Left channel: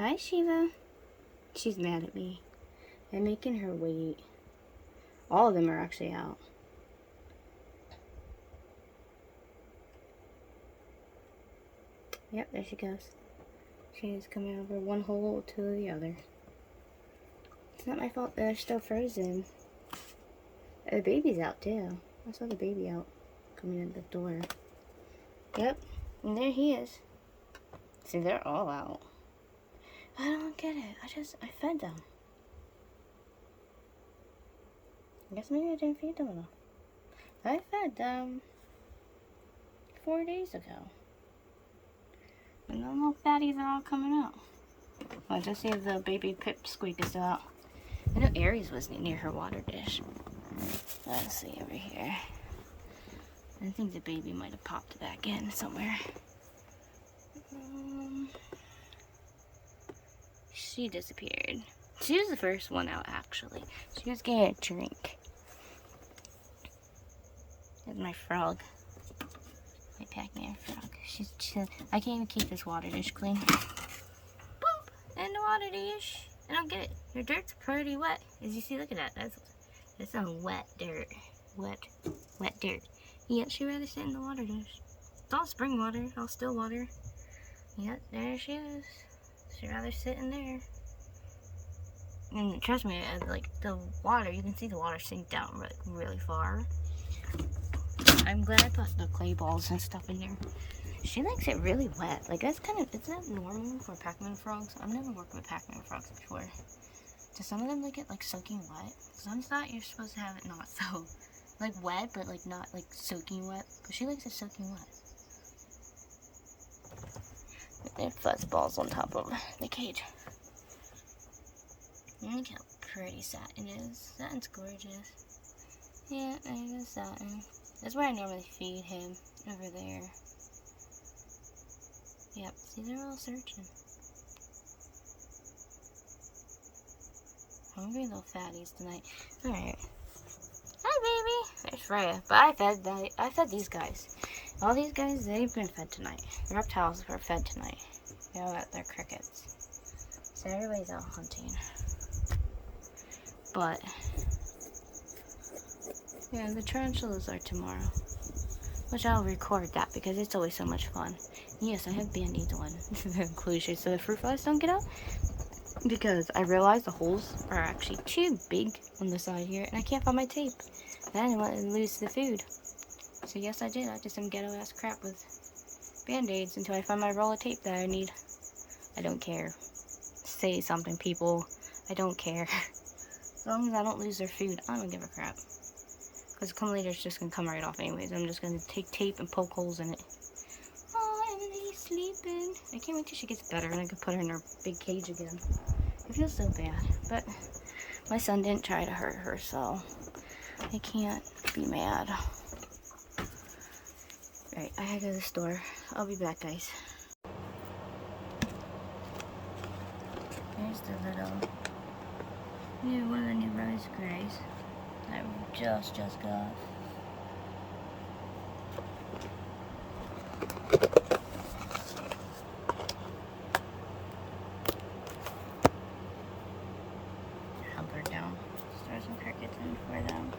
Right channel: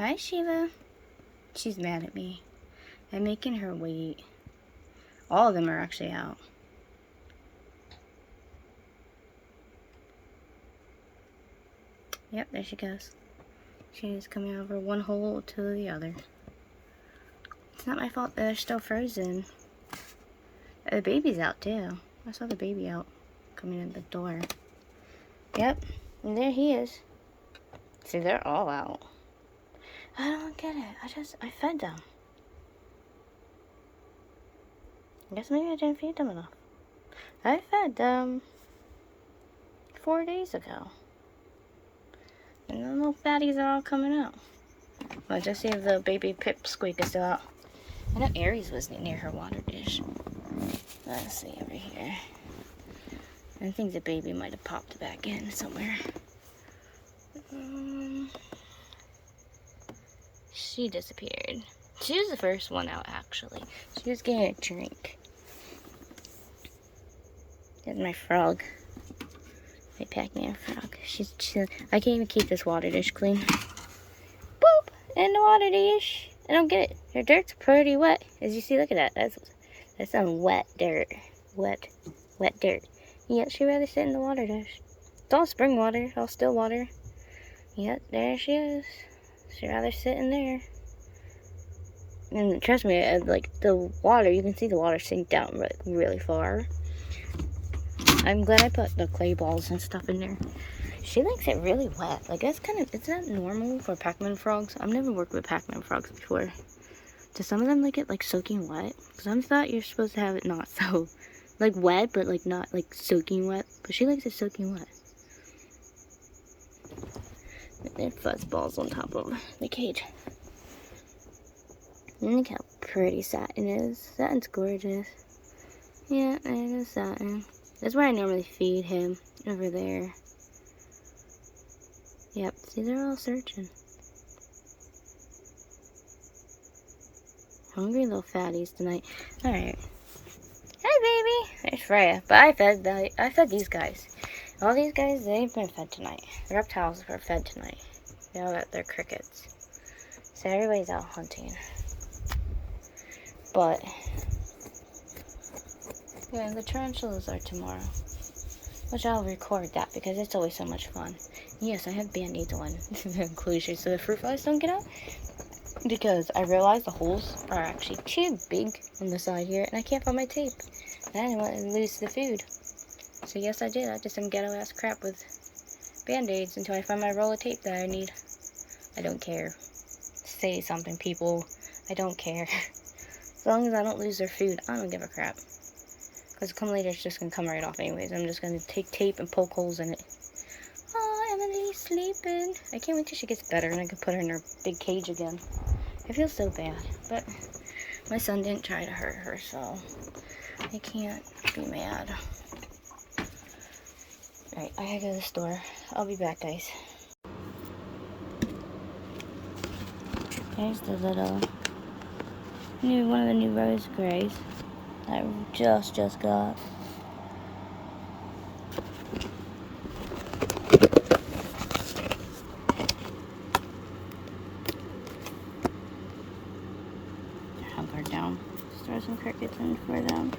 Hi, Shiva. She's mad at me. I'm making her wait. All of them are actually out. Yep, there she goes. She's coming over one hole to the other. It's not my fault that they're still frozen. The baby's out too. I saw the baby out coming in the door. Yep, and there he is. See, they're all out. I don't get it. I fed them. I guess maybe I didn't feed them enough. I fed them 4 days ago. And the little fatties are all coming out. Well, I just see the baby pipsqueak is still out. I know Aries was near her water dish. Let's see over here. I think the baby might have popped back in somewhere. She disappeared. She was the first one out, actually. She was getting a drink. There's my frog. My Pac-Man frog. She's chilling. I can't even keep this water dish clean. Boop! In the water dish. I don't get it. Her dirt's pretty wet. As you see, look at that. That's some wet dirt. Wet dirt. Yep, she'd rather sit in the water dish. It's all spring water, all still water. Yep, there she is. She'd rather sit in there. And trust me, like the water, you can see the water sink down like really far. I'm glad I put the clay balls and stuff in there. She likes it really wet. Like that's it's not normal for Pac-Man frogs. I've never worked with Pac-Man frogs before. Do some of them like it like soaking wet? Because I thought you're supposed to have it not so, like wet, but like not like soaking wet. But she likes it soaking wet. And fuzz balls on top of the cage. And look how pretty Satin is. Satin's gorgeous. Yeah, there's Satin. That's where I normally feed him, over there. Yep, see, they're all searching. Hungry little fatties tonight. Alright. Hi, baby. There's Freya. But I fed these guys. All these guys, they've been fed tonight. The reptiles were fed tonight. They all got their crickets. So everybody's out hunting. But yeah, the tarantulas are tomorrow. Which I'll record that because it's always so much fun. Yes, I have band-aids on the enclosure so the fruit flies don't get out. Because I realized the holes are actually too big on the side here and I can't find my tape. And I didn't want to lose the food. So yes, I did. I did some ghetto-ass crap with band-aids until I find my roll of tape that I need. I don't care. Say something, people. I don't care. As long as I don't lose their food, I don't give a crap. Because come later, it's just going to come right off anyways. I'm just going to take tape and poke holes in it. Oh, Emily's sleeping. I can't wait till she gets better and I can put her in her big cage again. I feel so bad. But my son didn't try to hurt her, so I can't be mad. Right, I gotta go to the store. I'll be back, guys. Here's the little one of the new rose grays that I just got. Hamper down. Just throw some crickets in for them.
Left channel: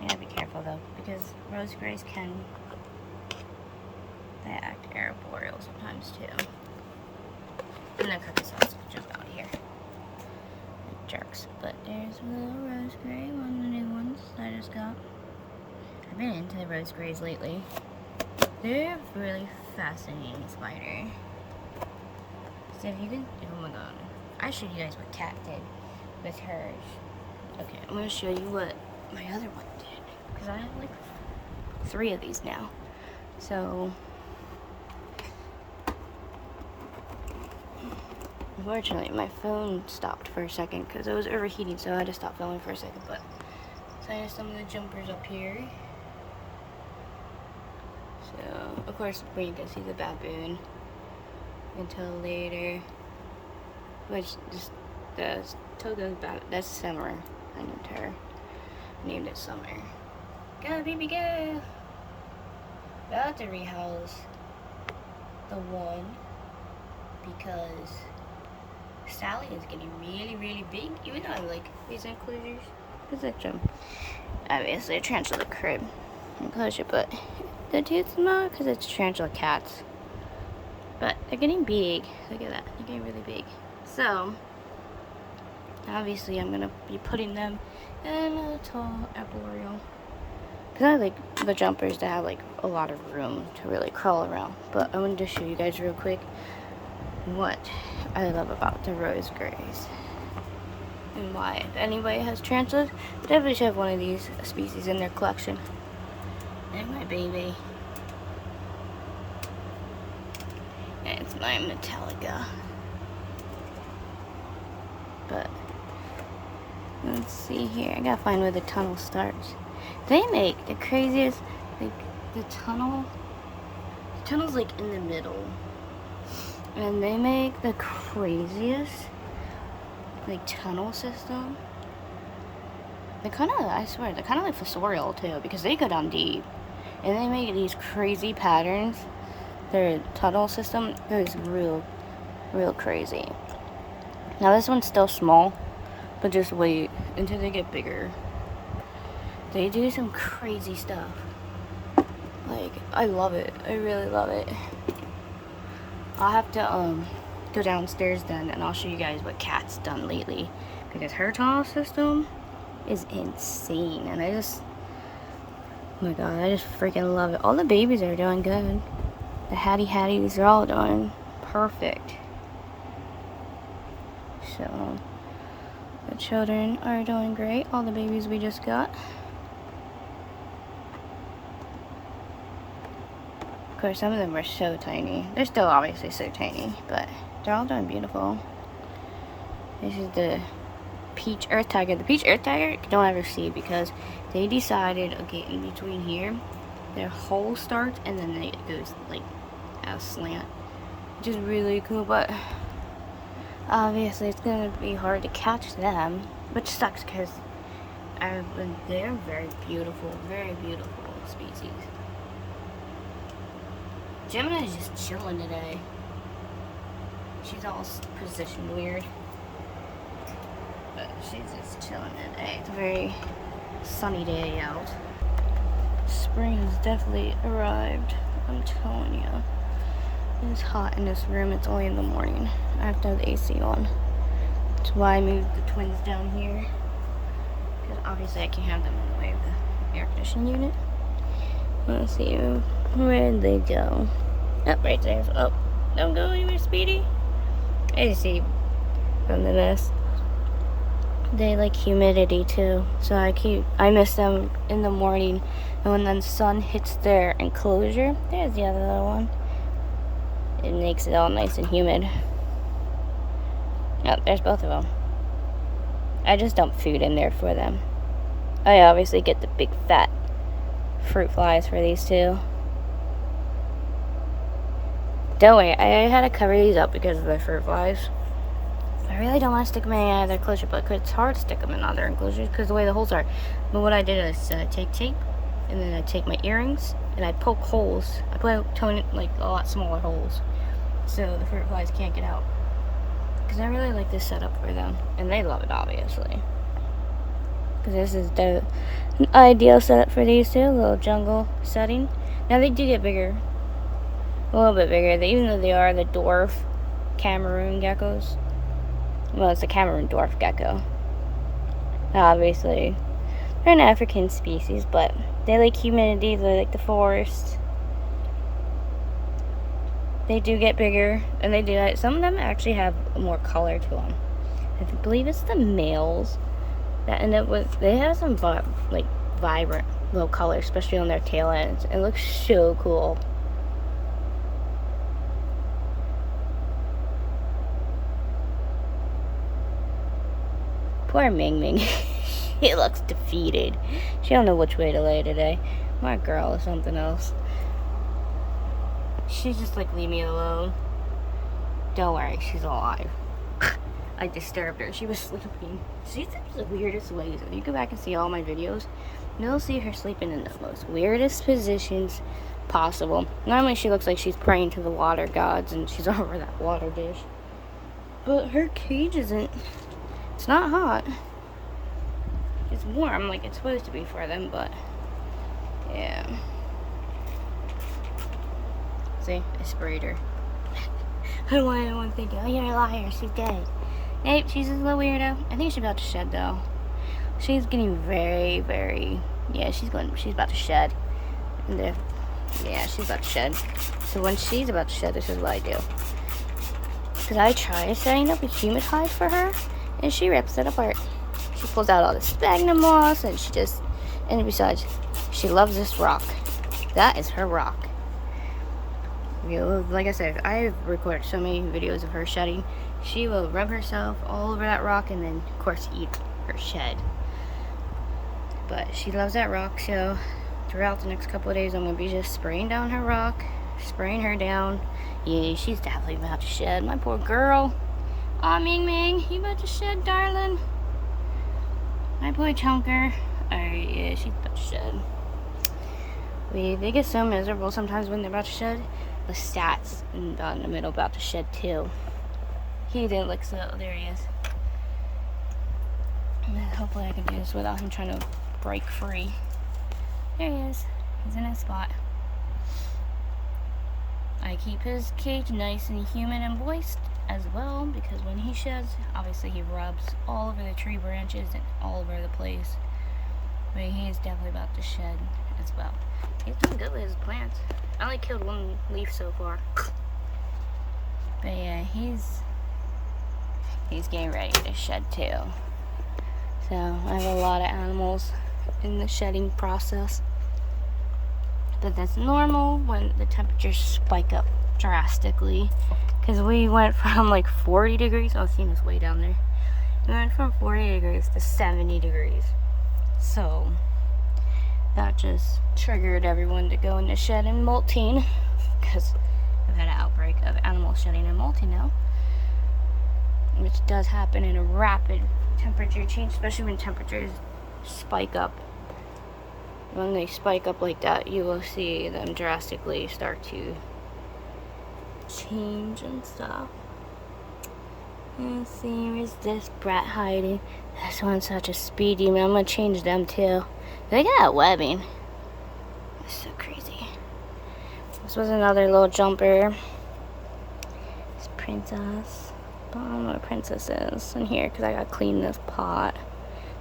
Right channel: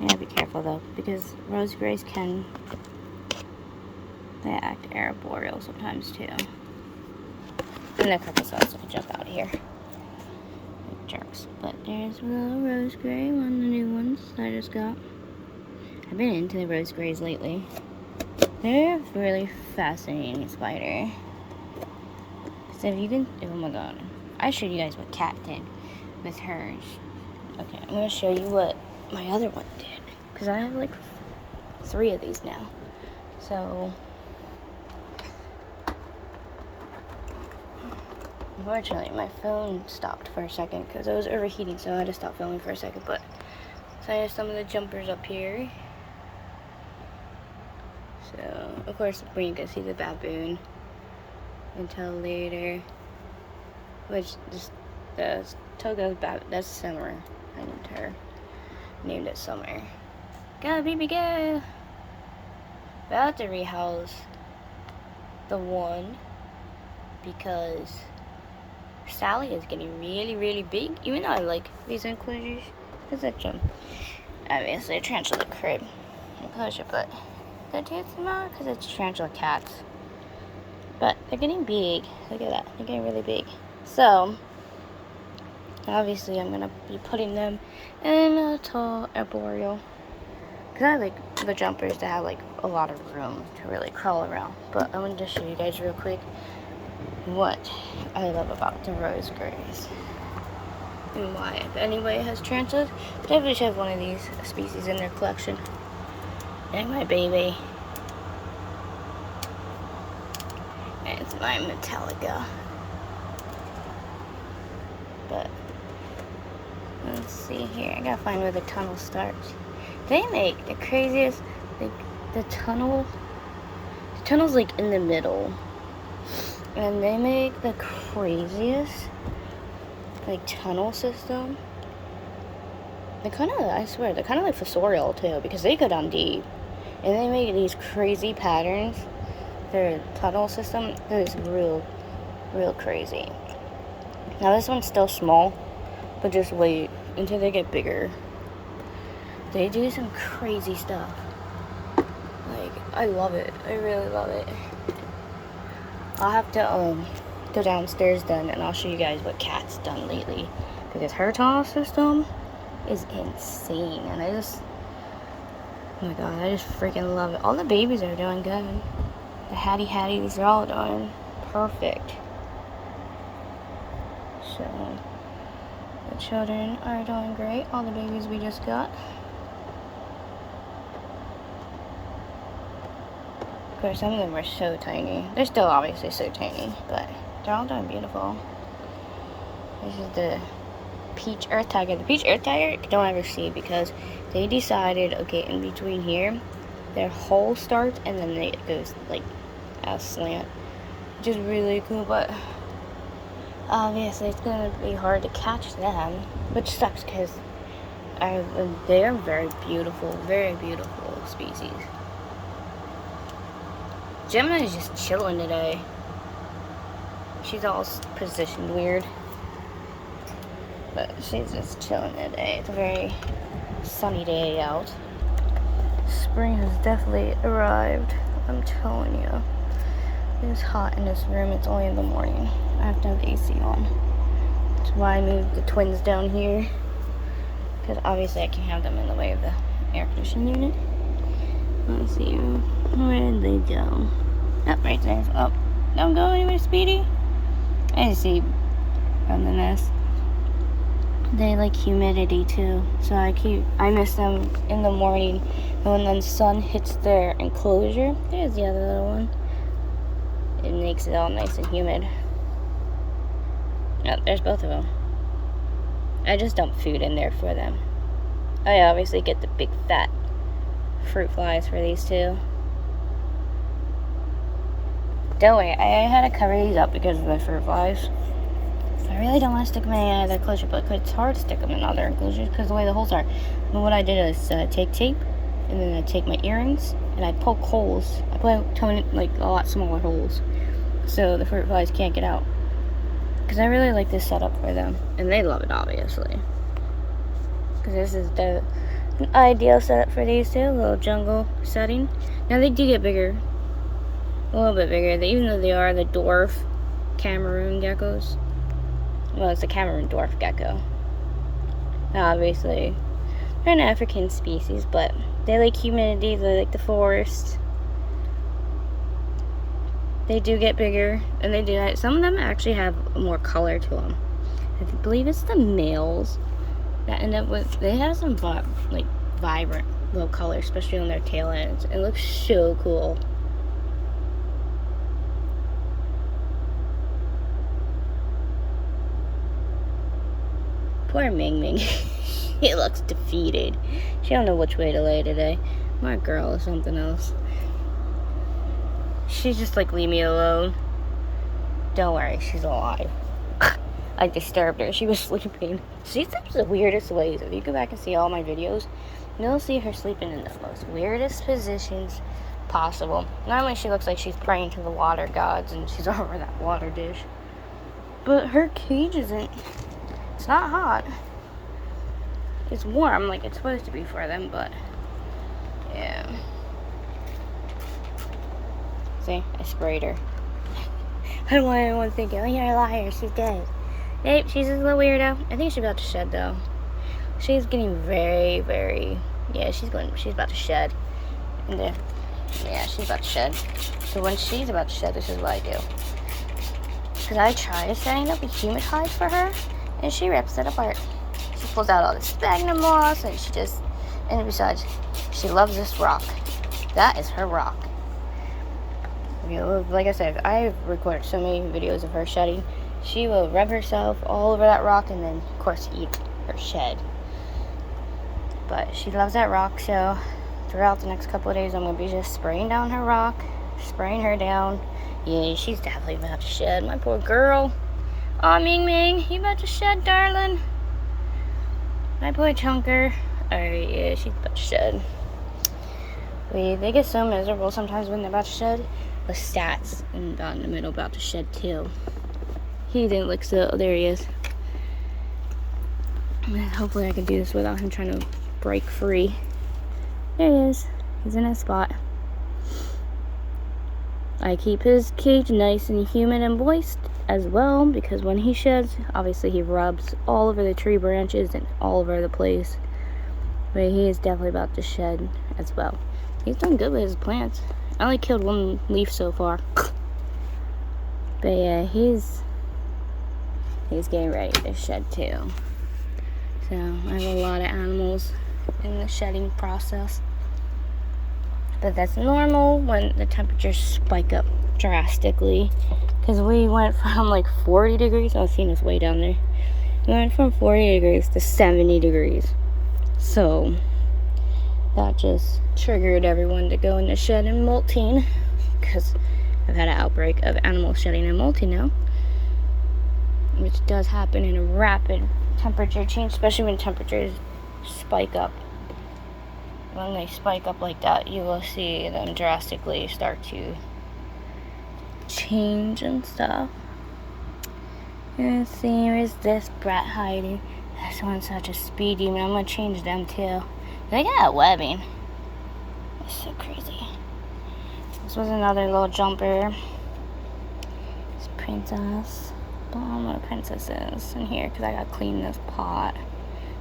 You gotta be careful though, because rose grays can act arboreal sometimes too. I'm gonna cut this off so I can jump out of here. Like jerks. But there's a little rose gray, one of the new ones that I just got. I've been into the rose grays lately. They're a really fascinating spider. So if you can, oh my god. I showed you guys what Kat did with hers. Okay, I'm gonna show you what my other one did. Because I have like 3 of these now. So unfortunately, my phone stopped for a second because it was overheating, so I had to stop filming for a second. But so I have some of the jumpers up here. So of course, when you can see the baboon until later, which is the Togo's baboon. That's Summer. I named it Summer. Go, baby, go! About to rehouse the one because Sally is getting really, really big. Even though I like these enclosures, because that's obviously a tarantula crib enclosure, but the tooth's not because it's tarantula cats. But they're getting big. Look at that. They're getting really big. So, obviously, I'm going to be putting them in a tall arboreal. Because I like the jumpers that have like a lot of room to really crawl around. But I'm going to just show you guys real quick what I love about the rose grays. And why, if anybody has tarantulas, definitely should have one of these species in their collection. And my baby. And it's my Metallica. But let's see here. I gotta find where the tunnel starts. They make the craziest. The tunnel's like in the middle, and they make the craziest like tunnel system. They're kind of, I swear, they're kind of like fossorial too, because they go down deep, and they make these crazy patterns. Their tunnel system is real crazy. Now this one's still small, but just wait until they get bigger. They do some crazy stuff. Like, I love it. I really love it. I'll have to go downstairs then, and I'll show you guys what Kat's done lately, because her tunnel system is insane, and oh my god, I just freaking love it. All the babies are doing good. The Hatties are all doing perfect. So, the children are doing great. All the babies we just got. Of course, some of them are so tiny. They're still obviously so tiny, but they're all doing beautiful. This is the Peach Earth Tiger. The Peach Earth Tiger, you don't ever see because they decided, okay, in between here, their hole starts and then it goes like out slant, which is really cool, but obviously it's gonna be hard to catch them, which sucks because they're very beautiful species. Gemini is just chilling today. She's all positioned weird, but she's just chilling today. It's a very sunny day out. Spring has definitely arrived, I'm telling you. It's hot in this room. It's only in the morning. I have to have the AC on. That's why I moved the twins down here, because obviously I can't have them in the way of the air conditioning unit. Let's see, where did they go? Oh, right there. Oh, don't go anywhere, Speedy. I just see from the nest. They like humidity too, so I miss them in the morning, and when the sun hits their enclosure, there's the other little one. It makes it all nice and humid. Oh, there's both of them. I just dump food in there for them. I obviously get the big fat fruit flies for these two. Don't worry, I had to cover these up because of the fruit flies. I really don't want to stick them in any other enclosure, but it's hard to stick them in other enclosures because the way the holes are. But what I did is take tape, and then I take my earrings, and I poke holes. I put like a lot smaller holes, so the fruit flies can't get out. Because I really like this setup for them, and they love it obviously. Because this is the ideal setup for these two, little jungle setting. Now they do get bigger, a little bit bigger. Even though they are the dwarf Cameroon geckos. Well, it's a Cameroon dwarf gecko. Now, obviously, they're an African species, but they like humidity, they like the forest. They do get bigger, and they do that. Some of them actually have more color to them. I believe it's the males that end up with, they have some like vibrant little colors, especially on their tail ends. It looks so cool. Poor Ming Ming. She looks defeated. She don't know which way to lay today. My girl is something else. She's just like, leave me alone. Don't worry, she's alive. I disturbed her. She was sleeping. She sleeps the weirdest ways. If you go back and see all my videos, you'll see her sleeping in the most weirdest positions. possible. Normally she looks like she's praying to the water gods and she's over that water dish. But her cage isn't, it's not hot. It's warm like it's supposed to be for them, but yeah. See, I sprayed her. I don't want anyone thinking, oh, you're a liar, she's dead. Nope, she's just a little weirdo. I think she's about to shed though. She's getting very, very, yeah, she's about to shed. And yeah, she's about to shed. So when she's about to shed, this is what I do. Because I try setting up a humitide for her, and she rips it apart. She pulls out all the sphagnum moss, and and besides, she loves this rock. That is her rock. You know, like I said, I've recorded so many videos of her shedding. She will rub herself all over that rock and then, of course, eat her shed. But she loves that rock, so throughout the next couple of days, I'm going to be just spraying down her rock, spraying her down. Yeah, she's definitely about to shed. My poor girl. Aw, Ming Ming, you about to shed, darling? My boy Chunker. Alright, yeah, she's about to shed. They get so miserable sometimes when they're about to shed. The stats and down in the middle about to shed too. He didn't look still. There he is. Hopefully I can do this without him trying to break free. There he is. He's in his spot. I keep his cage nice and humid and moist as well, because when he sheds, obviously he rubs all over the tree branches and all over the place. But he is definitely about to shed as well. He's doing good with his plants. I only killed one leaf so far. But yeah, he's getting ready to shed too. So I have a lot of animals in the shedding process. But that's normal when the temperatures spike up drastically. Because we went from like 40 degrees, I was seeing us way down there. We went from 40 degrees to 70 degrees. So that just triggered everyone to go in the shed and molting, because I've had an outbreak of animal shedding and molting now, which does happen in a rapid temperature change, especially when temperatures spike up. When they spike up like that, you will see them drastically start to change and stuff. And see, where's this brat hiding? This one's such a speed demon. I'm gonna change them too. They got webbing. That's so crazy. This was another little jumper. It's Princess. But I don't know what Princess is in here because I gotta clean this pot.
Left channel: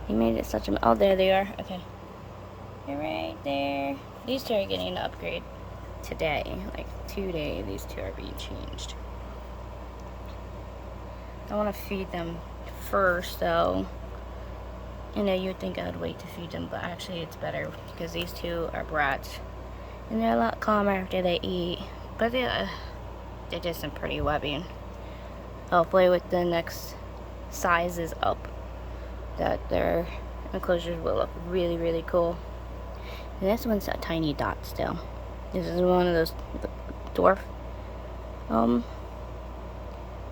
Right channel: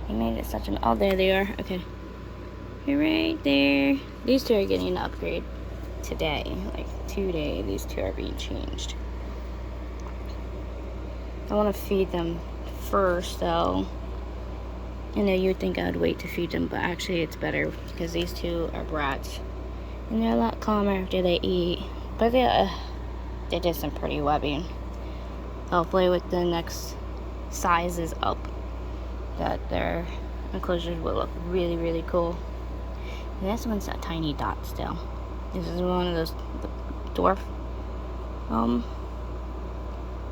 They made it such a... Oh, there they are. Okay. You're right there. These two are getting an upgrade today. Like today, these two are being changed. I want to feed them first, though. You know, you would think I would wait to feed them, but actually it's better because these two are brats. And they're a lot calmer after they eat. But they did some pretty webbing. Hopefully with the next sizes up, that their enclosures will look really, really cool. And this one's a tiny dot still. This is one of those dwarf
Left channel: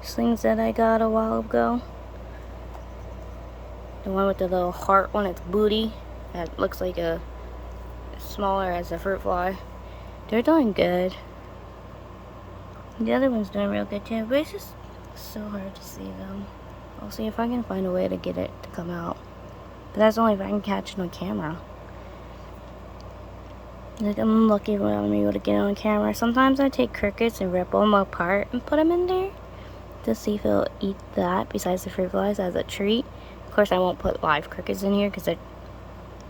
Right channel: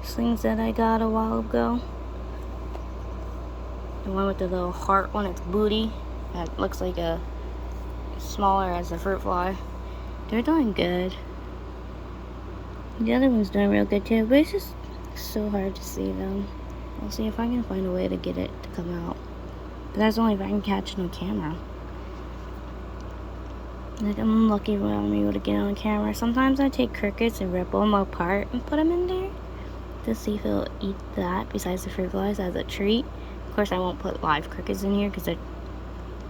slings that I got a while ago. The one with the little heart on its booty that looks like a smaller as a fruit fly. They're doing good. The other one's doing real good too, but it's just so hard to see them. I'll see if I can find a way to get it to come out. But that's only if I can catch it on camera. Like, I'm lucky when I'm able to get it on camera. Sometimes I take crickets and rip them apart and put them in there to see if it'll eat that besides the fruit flies as a treat. Of course, I won't put live crickets in here because the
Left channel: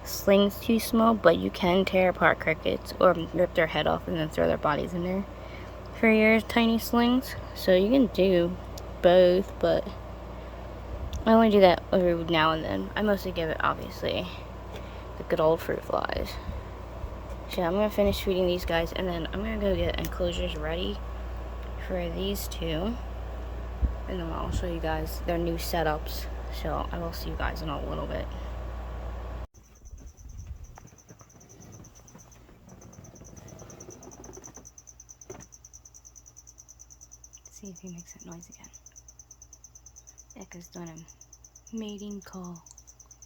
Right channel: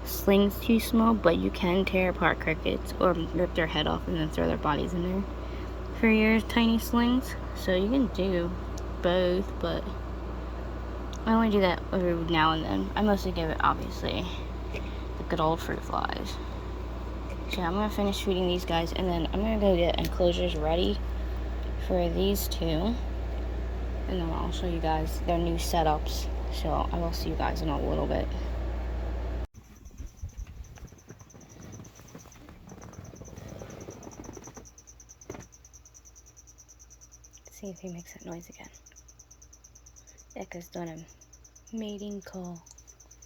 sling's too small, but you can tear apart crickets or rip their head off and then throw their bodies in there for your tiny slings. So you can do both, but I only do that every now and then. I mostly give it, obviously, the good old fruit flies. So I'm going to finish feeding these guys, and then I'm going to go get enclosures ready for these two. And then I'll show you guys their new setups. So I will see you guys in a little bit. See if he makes that noise again. Echo's doing a mating call.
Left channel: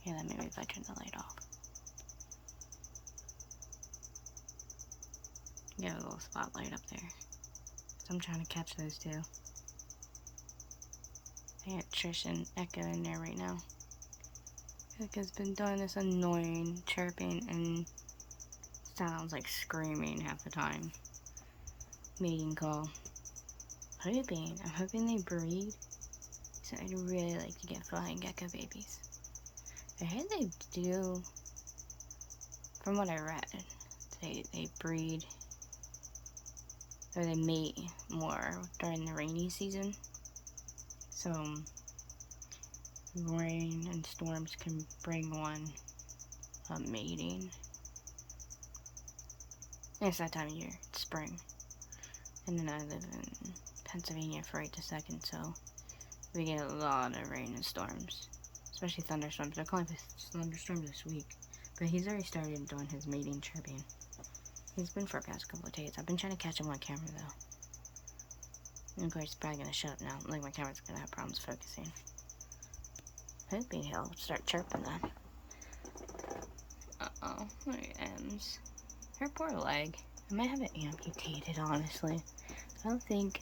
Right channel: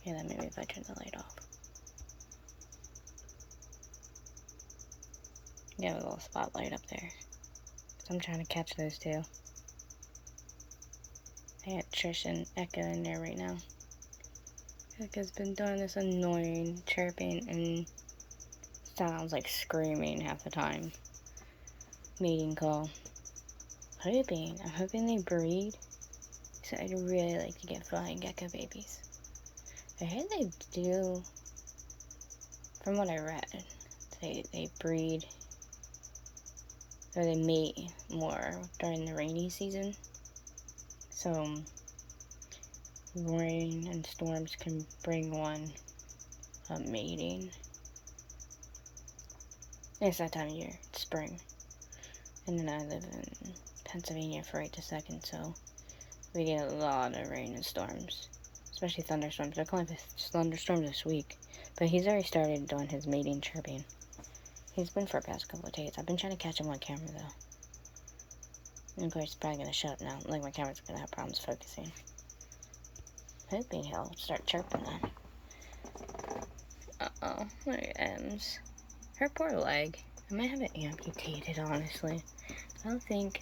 Yeah, then maybe if I turn the light off. Got a little spotlight up there. So I'm trying to catch those two. I got Trish and Echo in there right now. Echo's been doing this annoying chirping and sounds like screaming half the time. Mating call. I'm hoping they breed. So I'd really like to get flying gecko babies. I heard they do, from what I read, they breed, or they mate more during the rainy season. So rain and storms can bring one mating. And it's that time of year, it's spring. And then I live in Pennsylvania for right this second, so we get a lot of rain and storms. Especially thunderstorms. They're calling for thunderstorms this week. But he's already started doing his mating chirping. He's been for the past couple of days. I've been trying to catch him on camera, though. And of course, he's probably going to shut up now. Like, my camera's going to have problems focusing. Hoping he'll start chirping, though. Uh-oh. Look at Ems. Her poor leg. I might have it amputated, honestly. I don't think...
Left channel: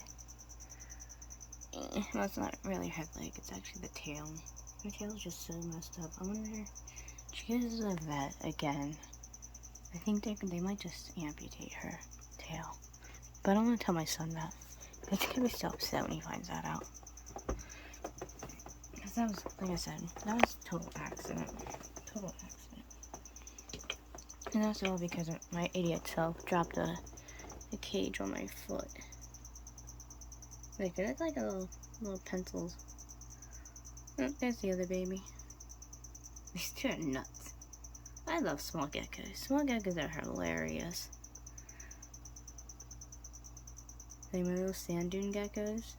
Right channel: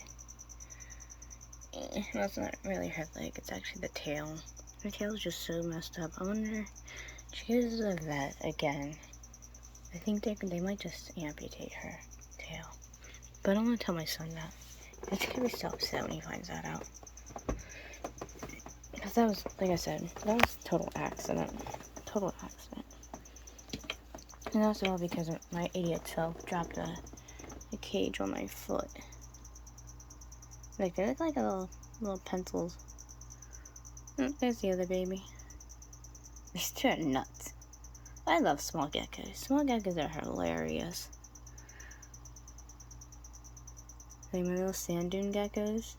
Well, it's not really her leg. It's actually the tail. Her tail's just so messed up. I wonder... She goes to the vet again. I think they might just amputate her tail. But I don't want to tell my son that. It's gonna be so upset when he finds that out. Because that was, like I said, that was a total accident. Total accident. And that's all because my idiot self dropped a cage on my foot. Like, they look like little pencils. Oh, there's the other baby. These two are nuts. I love small geckos. Small geckos are hilarious. Like my little sand dune geckos.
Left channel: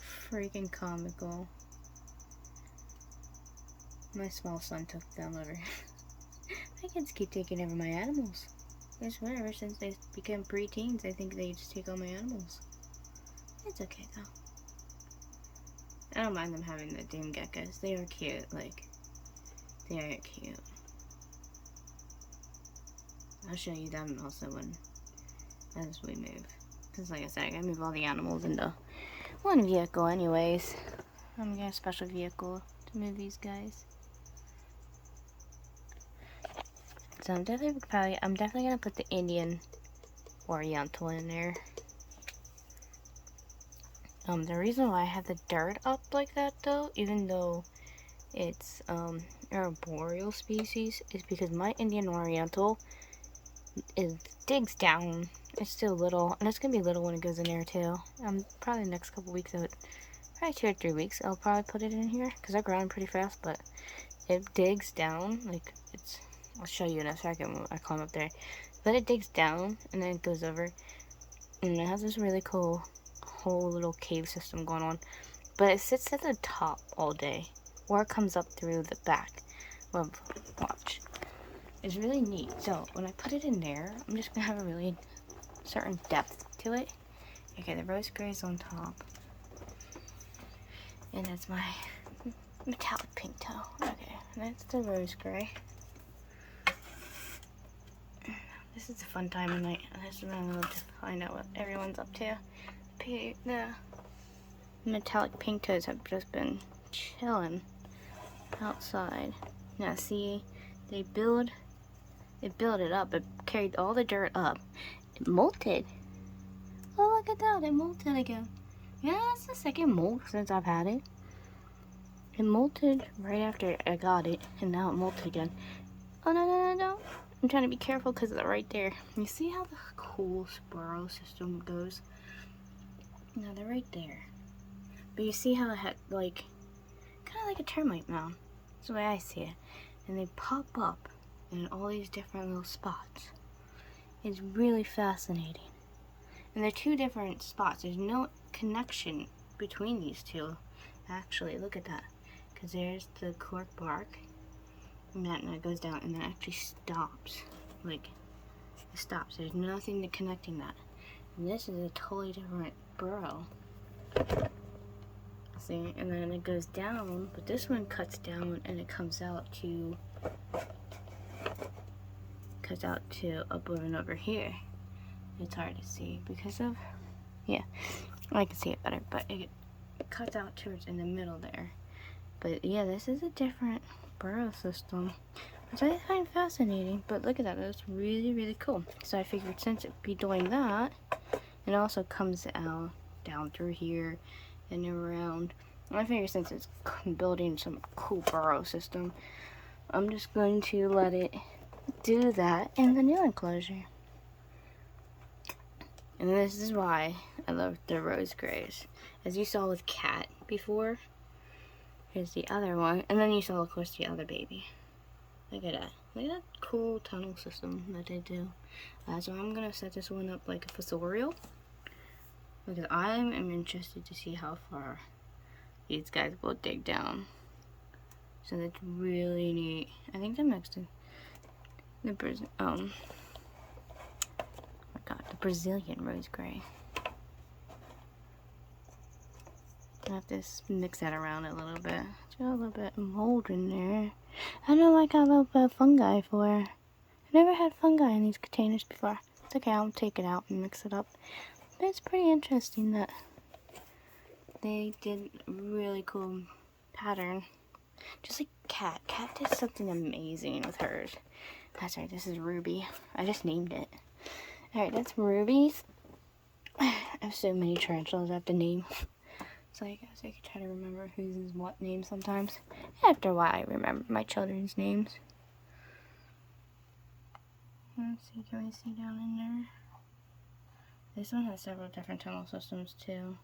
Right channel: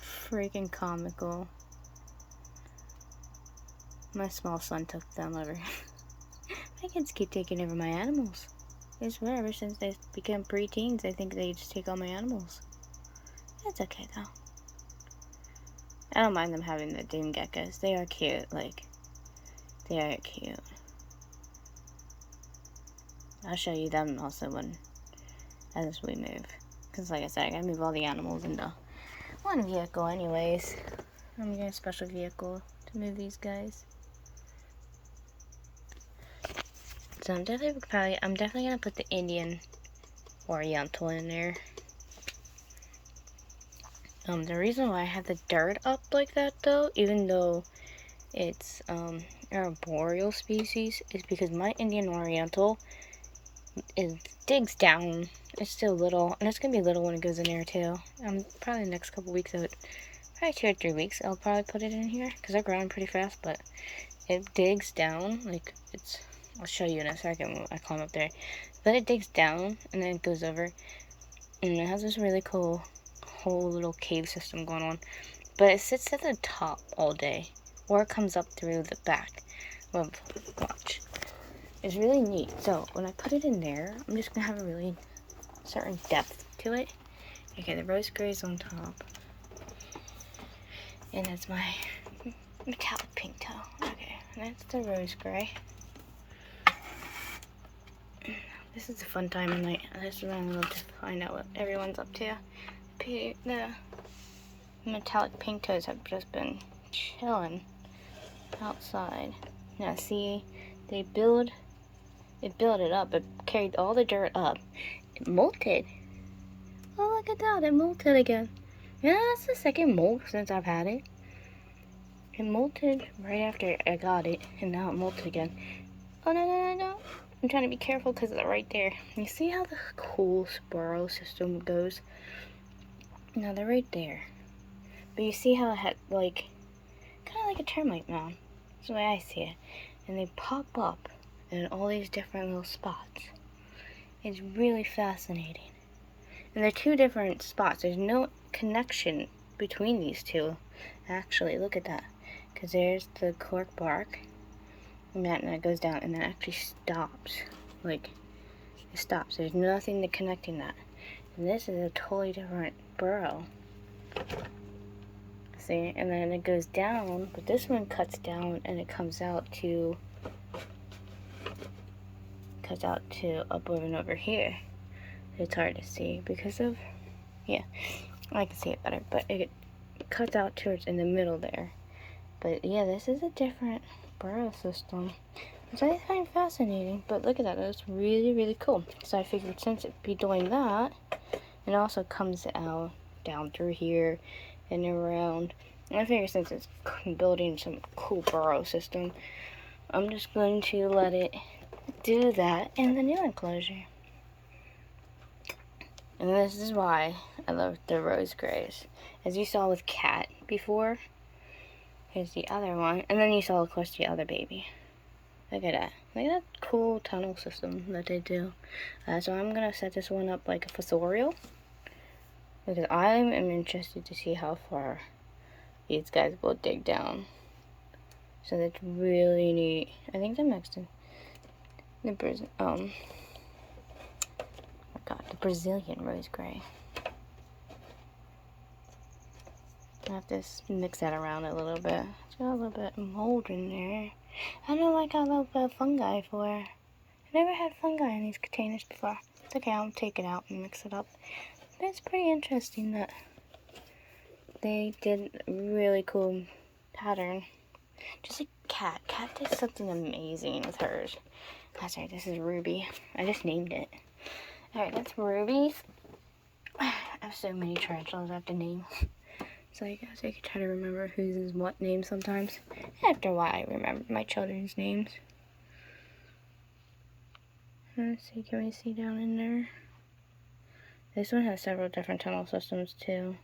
Freaking comical. My small son took them over. My kids keep taking over my animals. I swear, ever since they became preteens, I think they just take all my animals. It's okay though. I don't mind them having the dune geckos. They are cute, like, they are cute. I'll show you them also as we move. Because like I said, I gotta move all the animals into one vehicle anyways. I'm gonna get a special vehicle to move these guys. So I'm definitely gonna put the Indian Oriental in there. The reason why I have the dirt up like that though, even though it's an arboreal species, is because my Indian Oriental digs down. It's still little, and it's gonna be little when it goes in there too. Probably the next couple weeks of it, probably 2 or 3 weeks, I'll probably put it in here because they're growing pretty fast. But it digs down, like I'll show you in a second when I climb up there. But it digs down and then it goes over, and it has this really cool whole little cave system going on. But it sits at the top all day, or it comes up through the back. Well, watch. It's really neat. So when I put it in there, I'm just gonna have a really certain depth to it. Okay, the rose gray's on top, and that's my metallic pink toe. Okay, that's the rose gray. This is a fun time of night. This is when I love to find out what everyone's up to. The metallic pink toes have just been chilling outside. Now see, it built it up. It carried all the dirt up. It molted. Oh, look at that. It molted again. Yeah, that's the second molt since I've had it. It molted right after I got it, and now it molted again. Oh, no. I'm trying to be careful because they're right there. You see how the cool burrow system goes? Now they're right there. But you see how it had, like, kind of like a termite mound. That's the way I see it. And they pop up in all these different little spots. It's really fascinating. And they're two different spots. There's no connection between these two. Actually, look at that. Because there's the cork bark. And that goes down and then actually stops. Like, it stops. There's nothing connecting that. And this is a totally different burrow. See? And then it goes down, but this one cuts down and it comes out to up and over here. It's hard to see because of, yeah, I can see it better, but it cuts out towards in the middle there. But yeah, this is a different burrow system, which I find fascinating. But look at that, that's really, really cool. So I figured since it'd be doing that, it also comes out down through here and around. And I figure since it's building some cool burrow system, I'm just going to let it do that in the new enclosure. And this is why I love the rose grays. As you saw with Cat before, here's the other one. And then you saw, of course, the other baby. Look at that. Look at that cool tunnel system that they do. So I'm going to set this one up like a fossorial, because I am interested to see how far these guys will dig down. So that's really neat. I think they're mixed in the Brazilian rose gray. I have to mix that around a little bit. So a little bit of mold in there. I don't know what I got a little bit of fungi for. I've never had fungi in these containers before. It's okay, I'll take it out and mix it up. But it's pretty interesting that they did a really cool pattern. Just like Cat. Cat did something amazing with hers. That's right, this is Ruby. I just named it. Alright, that's Ruby's. I have so many tarantulas I have to name. So I guess I could try to remember whose is what name sometimes. After a while, I remember my children's names. Let's see, can we see down in there? This one has several different tunnel systems too.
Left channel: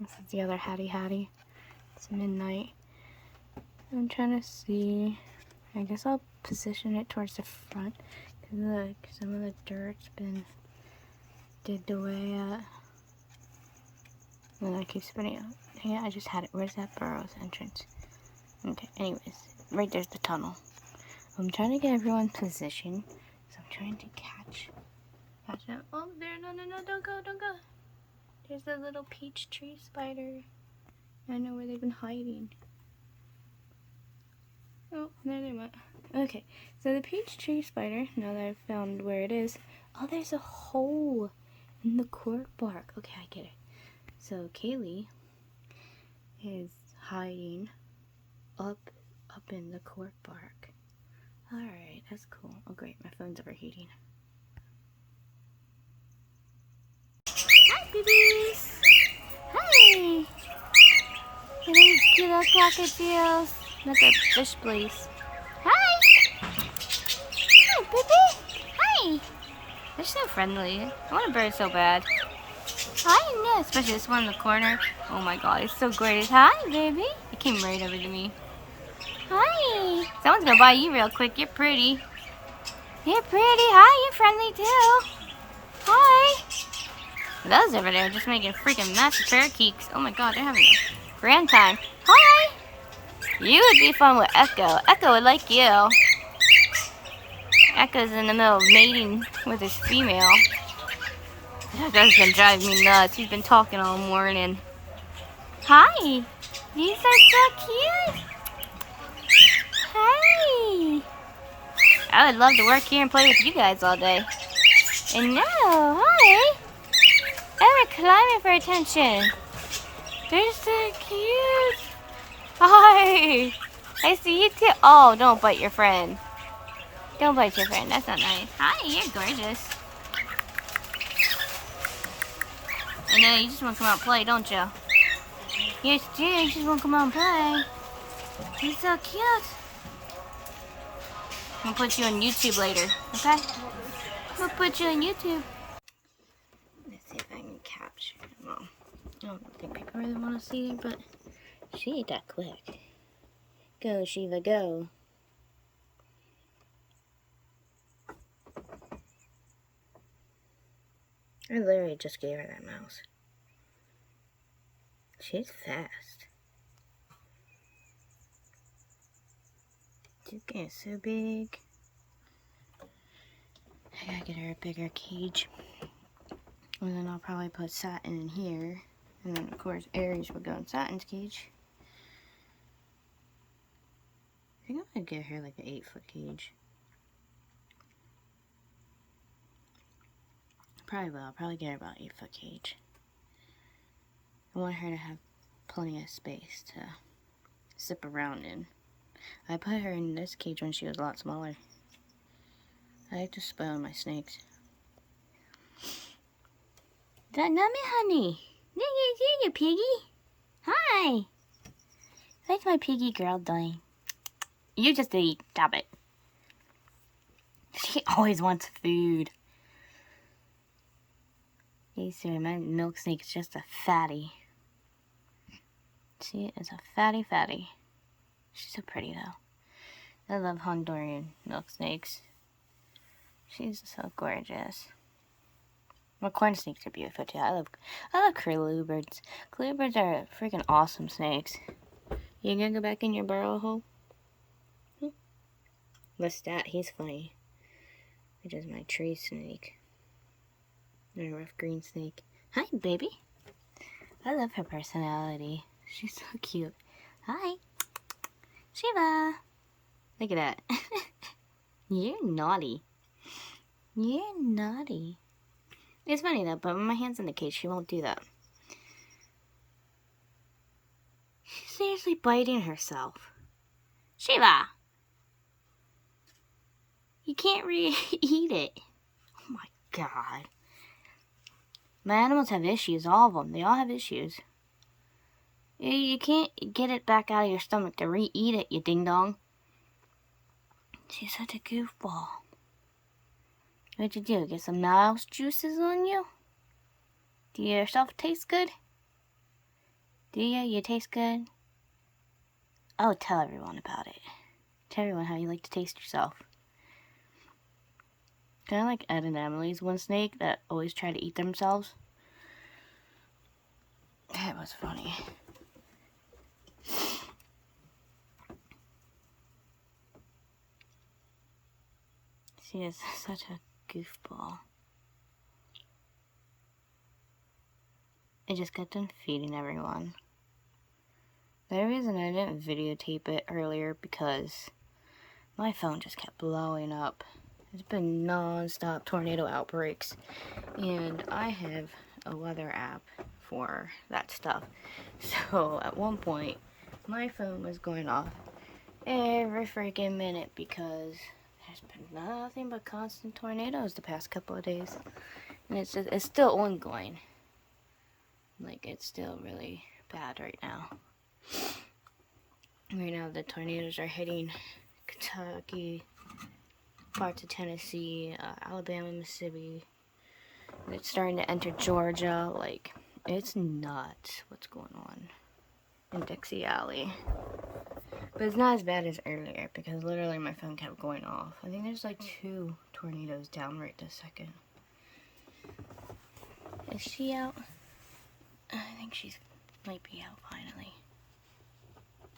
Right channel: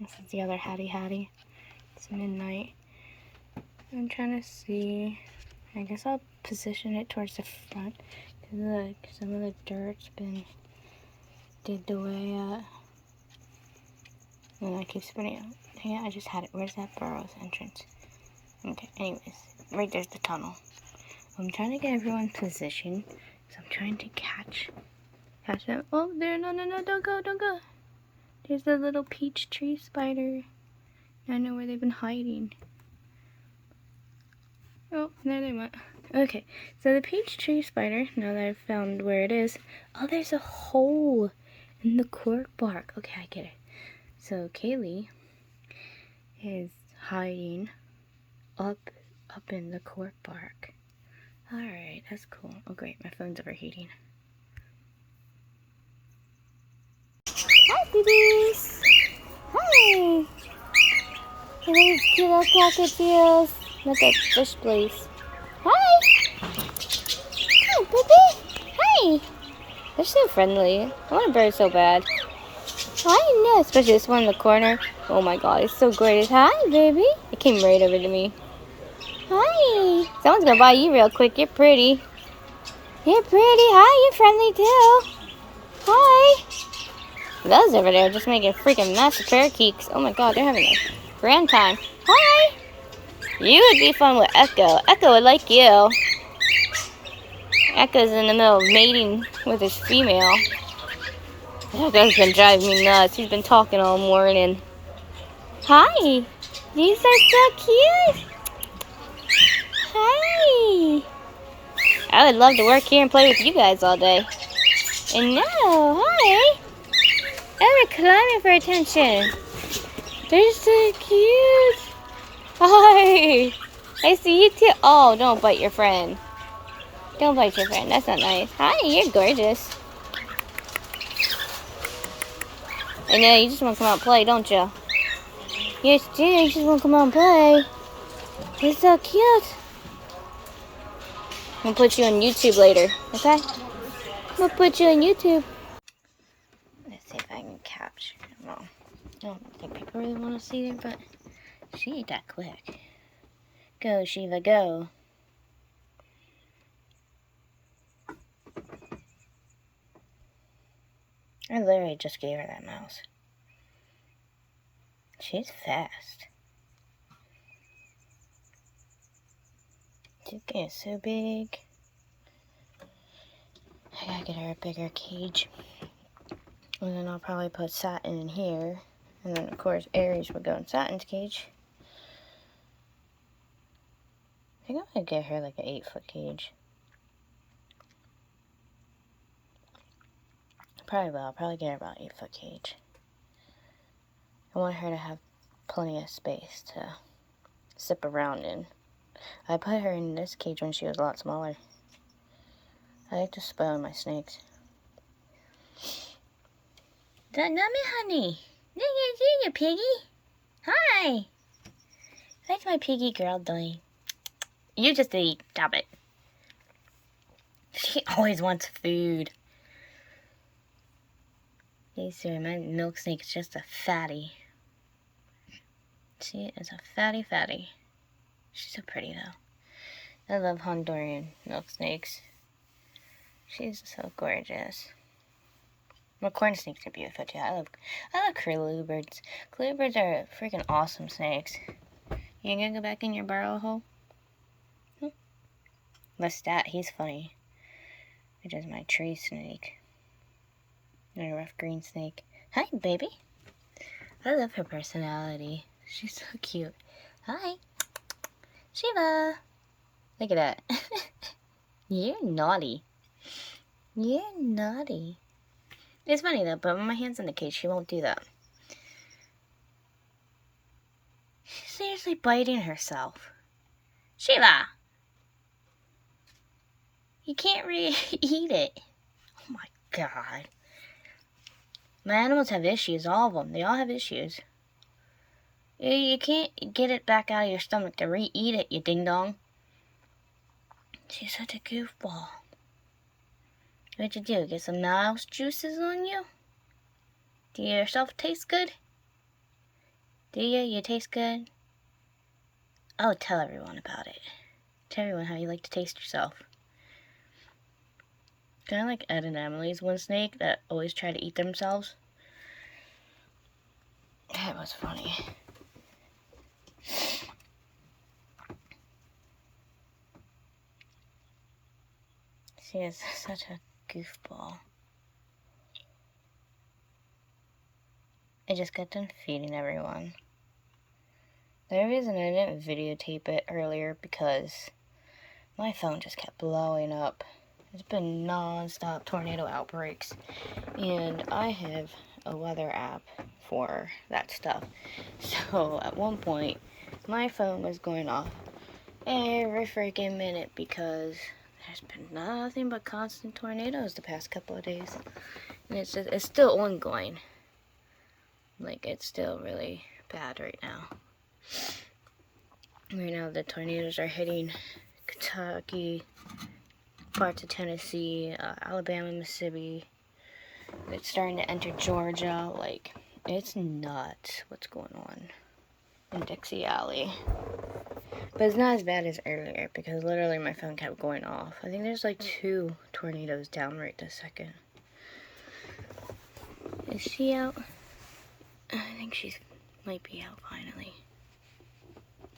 This is the other Hattie. It's midnight. I'm trying to see. I guess I'll position it towards the front. Look, some of the dirt's been digged away at. And I keep spinning out. Yeah, I just had it. Where's that burrow's entrance? Okay, anyways. Right there's the tunnel. I'm trying to get everyone positioned. So I'm trying to catch them. Oh, there, no, don't go. There's the little peach tree spider. I know where they've been hiding. Oh, there they went. Okay, so the peach tree spider, now that I've found where it is, oh, there's a hole in the cork bark. Okay, I get it. So Kaylee is hiding up in the cork bark. Alright, that's cool. Oh great, my phone's overheating. Hi, babies! Hi! Look at these cute little cockatiels. Look at fish place. Hi! Hi, baby! Hi! They're so friendly. I want a bird so bad. Hi, no, especially this one in the corner. Oh my god, it's so great. Hi, baby. It came right over to me. Hi. Someone's gonna buy you real quick. You're pretty. You're pretty. Hi, you're friendly too. Hi. Those over there are just making a freaking mess of parakeets. Oh my god, they're having a grand time. Hi. You would be fun with Echo. Echo would like you. Echo's in the middle of mating with his female. Echo's been driving me nuts. He's been talking all morning. Hi. These are so cute. Hi. I would love to work here and play with you guys all day. And no, hi. Oh, they're climbing for attention. They're so cute. Hi. I see you too. Oh, don't bite your friend. Don't bite your friend. That's not nice. Hi, you're gorgeous. I know, you just want to come out and play, don't you? Yes, do. You just want to come out and play. You're so cute. I'm going to put you on YouTube later, okay? I'm going to put you on YouTube. Let's see if I can capture it. Well, I don't think people really want to see her, but she ain't that quick. Go, Shiva, go. I literally just gave her that mouse. She's fast. She's getting so big. I gotta get her a bigger cage. And then I'll probably put Satin in here. And then, of course, Aries will go in Satin's cage. I think I'm gonna get her like an 8-foot cage. Probably will. I'll probably get her about 8-foot cage. I want her to have plenty of space to zip around in. I put her in this cage when she was a lot smaller. I like to spoil my snakes. Not me, honey. Look at you, piggy. Hi. What's my piggy girl doing? You just eat. Stop it. She always wants food. My milk snake is just a fatty. She is a fatty. She's so pretty though. I love Honduran milk snakes. She's so gorgeous. Well, corn snakes are beautiful too. I love curlew-birds. Curlew-birds are freaking awesome snakes. You gonna go back in your burrow hole? Hmm? Lestat, he's funny. Which is my tree snake. And a rough green snake. Hi, baby. I love her personality. She's so cute. Hi. Shiva. Look at that. You're naughty. You're naughty. It's funny though, but when my hand's in the cage, she won't do that. She's seriously biting herself. Shiva! You can't eat it. Oh my god. My animals have issues, all of them. They all have issues. You can't get it back out of your stomach to re-eat it, you ding-dong. She's such a goofball. What'd you do? Get some mouse juices on you? Do you yourself taste good? Do you? You taste good? Oh, tell everyone about it. Tell everyone how you like to taste yourself. Kind of like Ed and Emily's one snake that always try to eat themselves. That was funny. She is such a goofball. I just got done feeding everyone. The reason I didn't videotape it earlier because my phone just kept blowing up. It's been non-stop tornado outbreaks, and I have a weather app for that stuff. So at one point, my phone was going off every freaking minute because there's been nothing but constant tornadoes the past couple of days, and it's still ongoing. Like, it's still really bad right now. Right now, the tornadoes are hitting Kentucky, parts of Tennessee, Alabama, Mississippi. It's starting to enter Georgia. Like, it's nuts what's going on in Dixie Alley. But it's not as bad as earlier because literally my phone kept going off. I think there's like 2 tornadoes down right this second. Is she out? I think she might be out finally.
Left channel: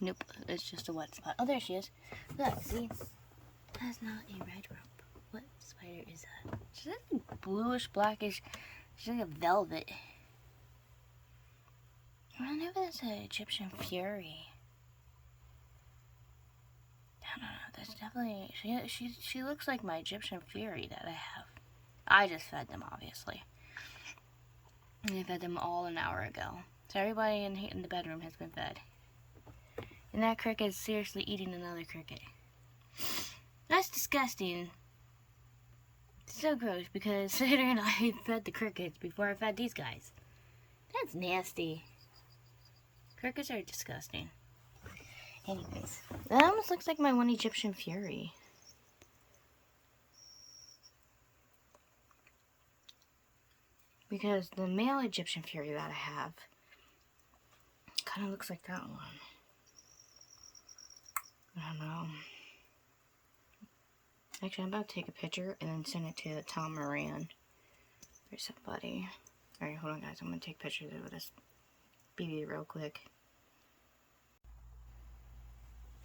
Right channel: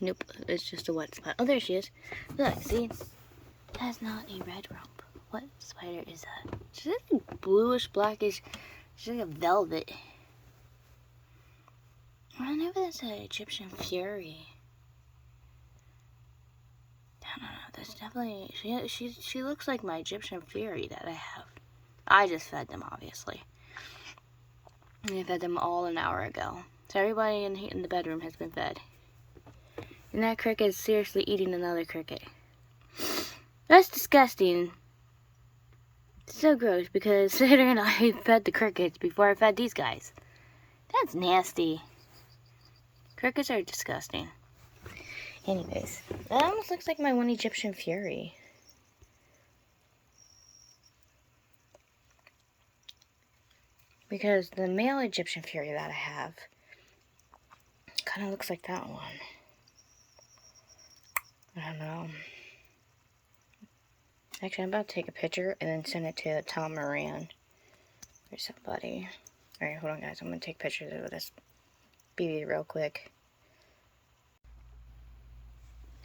Nope, it's just a wet spot. Oh, there she is. Look, see? That's not a red rump. What spider is that? She's like bluish, blackish. She's like a velvet. I don't know if that's an Egyptian fury. I don't know. That's definitely... She looks like my Egyptian fury that I have. I just fed them, obviously. And I fed them all an hour ago. So everybody in the bedroom has been fed. And that cricket is seriously eating another cricket. That's disgusting. It's so gross because Sitter and I fed the crickets before I fed these guys. That's nasty. Crickets are disgusting. Anyways, that almost looks like my one Egyptian fury. Because the male Egyptian fury that I have kind of looks like that one. I don't know. Actually, I'm about to take a picture and then send it to Tom Moran or somebody. Alright, hold on guys. I'm going to take pictures of this baby real quick.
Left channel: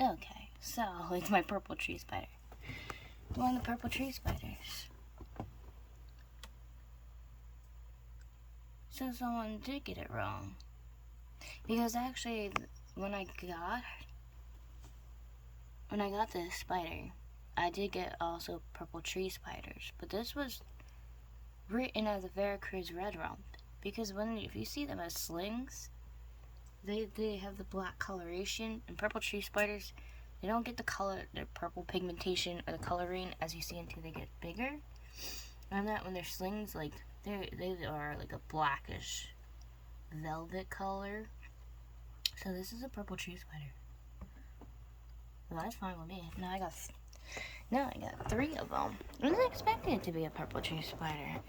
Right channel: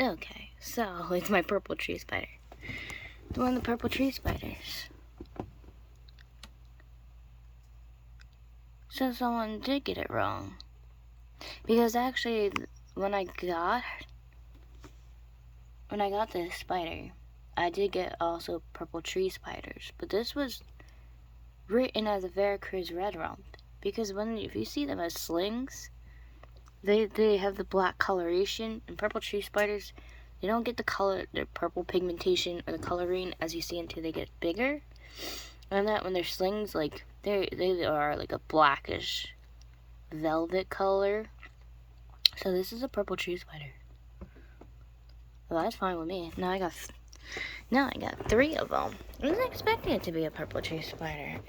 Okay, so it's my purple tree spider. It's one of the purple tree spiders. So someone did get it wrong. Because actually, when I got when I got this spider, I did get also purple tree spiders, but this was written as a Veracruz red rump, because if you see them as slings, they have the black coloration, and purple tree spiders, they don't get the purple pigmentation or the coloring as you see until they get bigger. And that when they're slings, like they are like a blackish velvet color. So this is a purple tree spider. Well, that's fine with me. Now I got 3 of them. I wasn't expecting it to be a purple tree spider.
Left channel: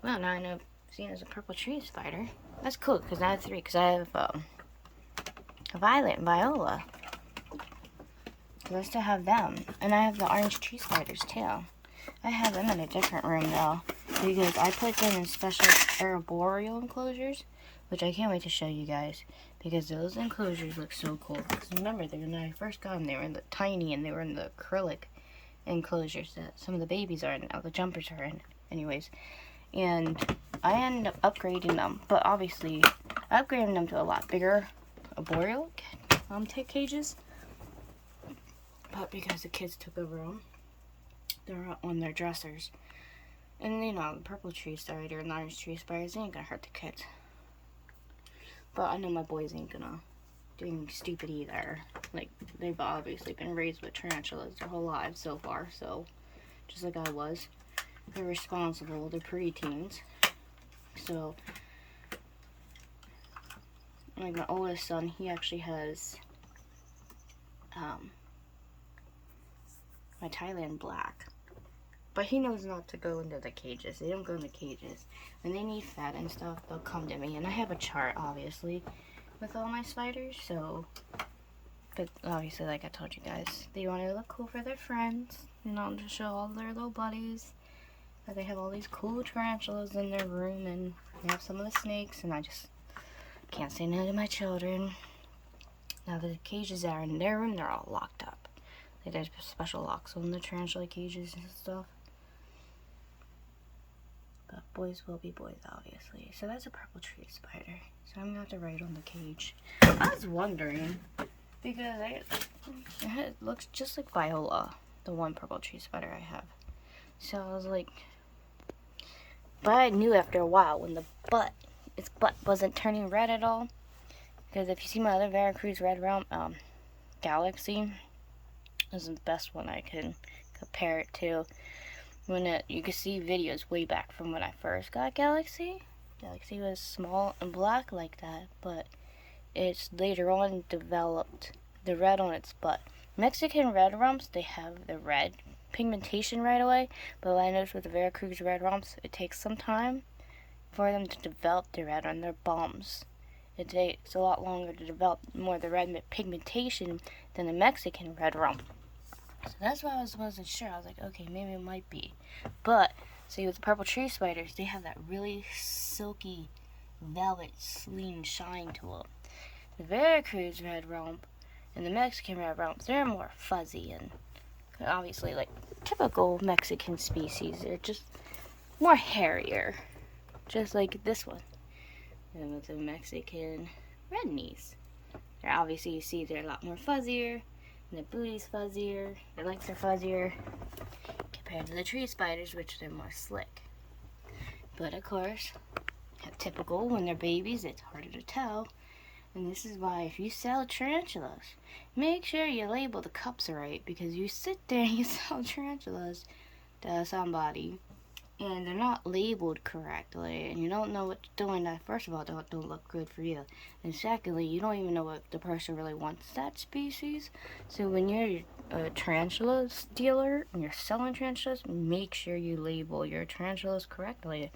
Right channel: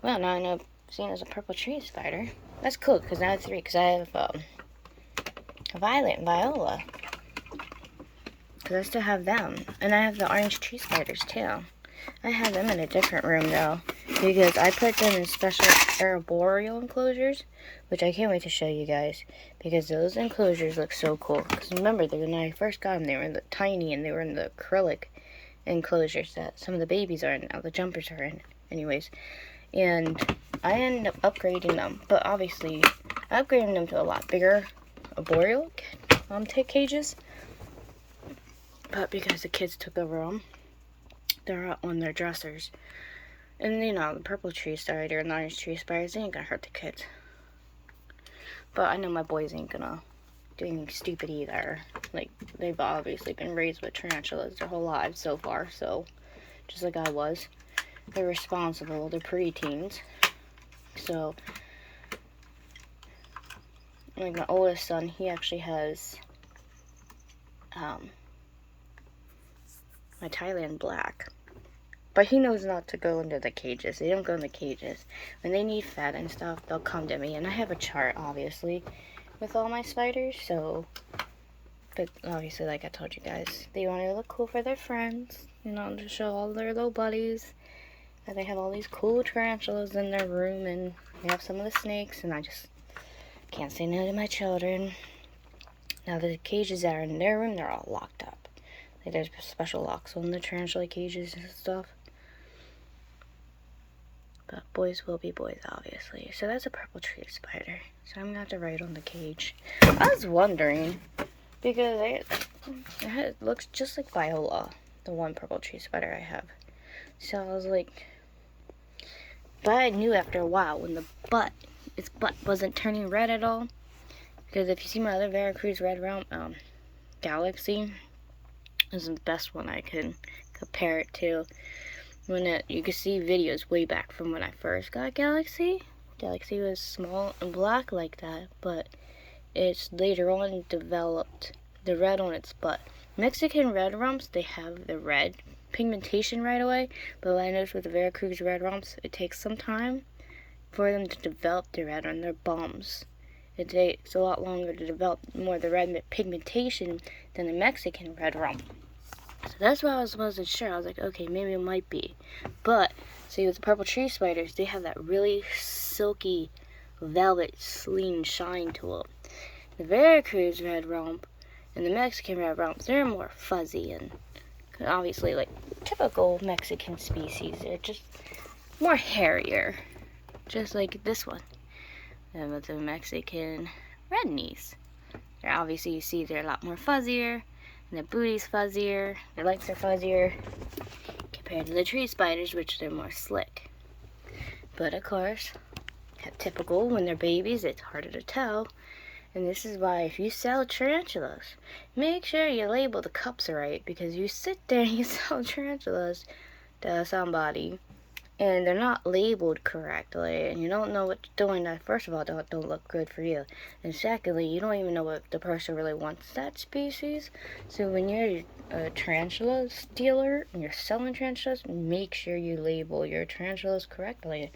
Well, now I know seen as a purple tree spider. That's cool because I have 3. Because I have a violet and viola. Because I still have them, and I have the orange tree spiders too. I have them in a different room though, because I put them in special arboreal enclosures, which I can't wait to show you guys, because those enclosures look so cool. Because remember, when I first got them, they were tiny, and they were in the acrylic enclosures that some of the babies are in now, the jumpers are in. Anyways, and I ended up upgrading them, but obviously, I upgraded them to a lot bigger arboreal cages. But because the kids took over them, they're on their dressers. And you know, the purple tree spider and the orange tree spiders, they ain't gonna hurt the kids. But I know my boys ain't gonna do anything stupid either. Like, they've obviously been raised with tarantulas their whole lives so far, so just like I was. They're responsible, they're preteens. So, like my oldest son, he actually has my Thailand black. But he knows not to go into the cages. They don't go in the cages. When they need fed and stuff, they'll come to me. And I have a chart, obviously, with all my spiders. So, but obviously, like I told you guys, they want to look cool for their friends. You know, to show all their little buddies that they have all these cool tarantulas in their room. And they have some of the snakes. And I just can't say no to my children. Now, the cages that are in their room, they're all locked up. Like, there's special locks on the tarantula cages and stuff. But boys will be boys, obviously. So that's a purple tree spider. So I'm going to have to write on the cage. I was wondering, because it looks just like Viola, the one purple tree spider I have. So I was like, but I knew after a while when its butt wasn't turning red at all. Because if you see my other Veracruz red rump, Galaxy, is the best one I can compare it to. You can see videos way back from when I first got Galaxy. Galaxy was small and black like that, but it's later on developed the red on its butt. Mexican red rumps, they have the red pigmentation right away, but what I noticed with the Veracruz red rumps, it takes some time for them to develop the red on their bums. It takes a lot longer to develop more of the red pigmentation than the Mexican red rump. So that's why I wasn't sure. I was like, okay, maybe it might be. But, see, with the purple tree spiders, they have that really silky velvet clean shine to them. The Veracruz red rump and the Mexican red rump, they're more fuzzy and obviously like typical Mexican species. They're just more hairier, just like this one. And with the Mexican redknees, they're obviously, you see, they're a lot more fuzzier. And their booty's fuzzier, their legs are fuzzier, compared to the tree spiders, which they're more slick. But of course, typical, when they're babies, it's harder to tell. And this is why if you sell tarantulas, make sure you label the cups right, because you sit there and you sell tarantulas to somebody, and they're not labeled correctly, and you don't know what you're doing. That, first of all, don't look good for you, and secondly, you don't even know what the person really wants that species. So when you're a tarantula dealer and you're selling tarantulas, make sure you label your tarantulas correctly,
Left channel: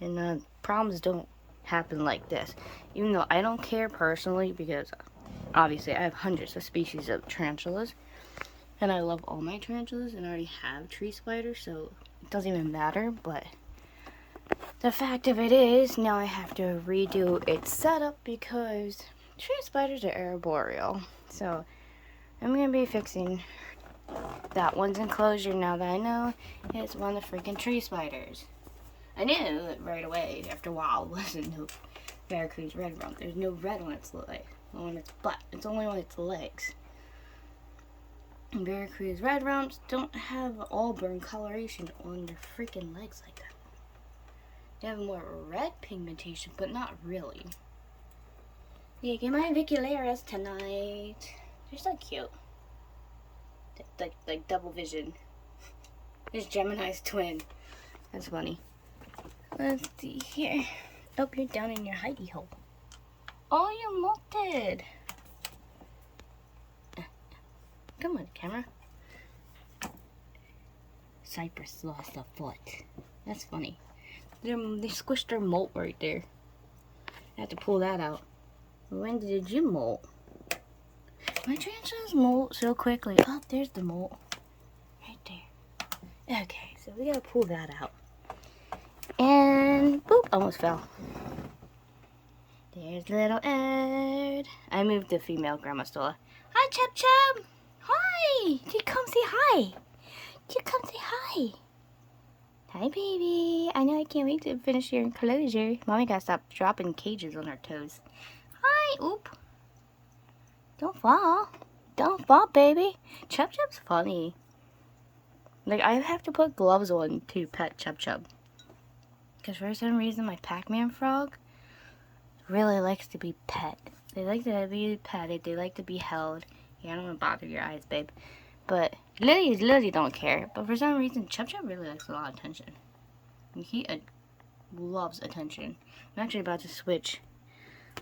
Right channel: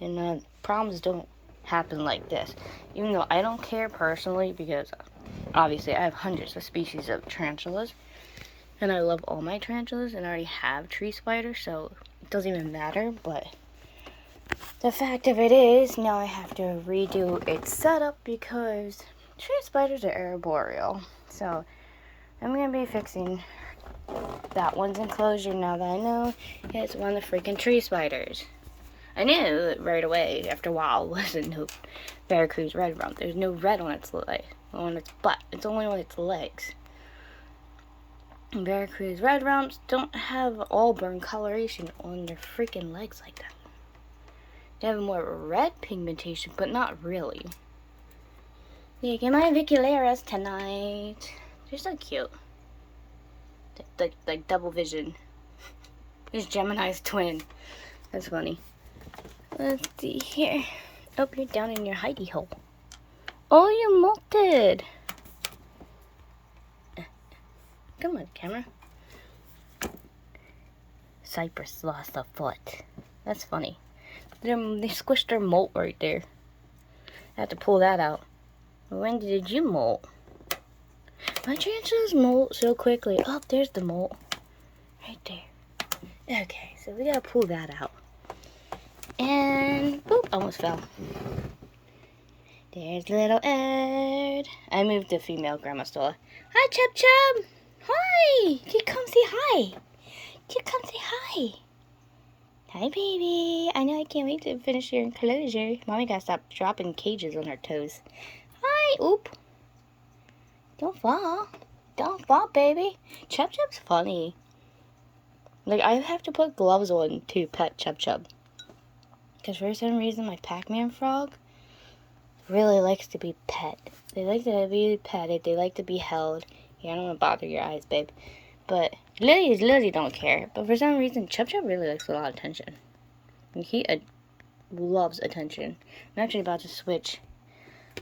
and problems don't happen like this. Even though I don't care personally, because obviously I have hundreds of species of tarantulas, and I love all my tarantulas, and I already have tree spiders, so it doesn't even matter. But the fact of it is, now I have to redo its setup because tree spiders are arboreal. So I'm going to be fixing that one's enclosure now that I know it's one of the freaking tree spiders. I knew right away after a while it wasn't no Veracruz red rump. There's no red on its butt. It's only on its legs. Veracruz red rumps don't have auburn coloration on their freaking legs like that. They have more red pigmentation, but not really. Look at my Vicularas tonight. They're so cute. Like double vision. There's Gemini's twin. That's funny. Let's see here. Oh, you're down in your hidey hole. Oh, you molted. Come on, camera. Cypress lost a foot. That's funny. They squished their molt right there. I have to pull that out. When did you molt? My tarantulas molt so quickly. Oh, there's the molt. Right there. Okay, so we gotta pull that out. And boop, almost fell. There's little Ed. I moved the female Grandma Stola. Hi, Chub Chub. Hi. You come say hi. You come say hi. Hi, baby. I know I can't wait to finish your enclosure. Mommy gotta stop dropping cages on her toes. Hi. Oop. Don't fall. Don't fall, baby. Chub Chub's funny. Like, I have to put gloves on to pet Chub Chub. Because for some reason, my Pac-Man frog really likes to be pet. They like to be petted. They like to be held. Yeah, I don't want to bother your eyes, babe. But Lily don't care. But for some reason, Chub Chub really likes a lot of attention. And he loves attention. I'm actually about to switch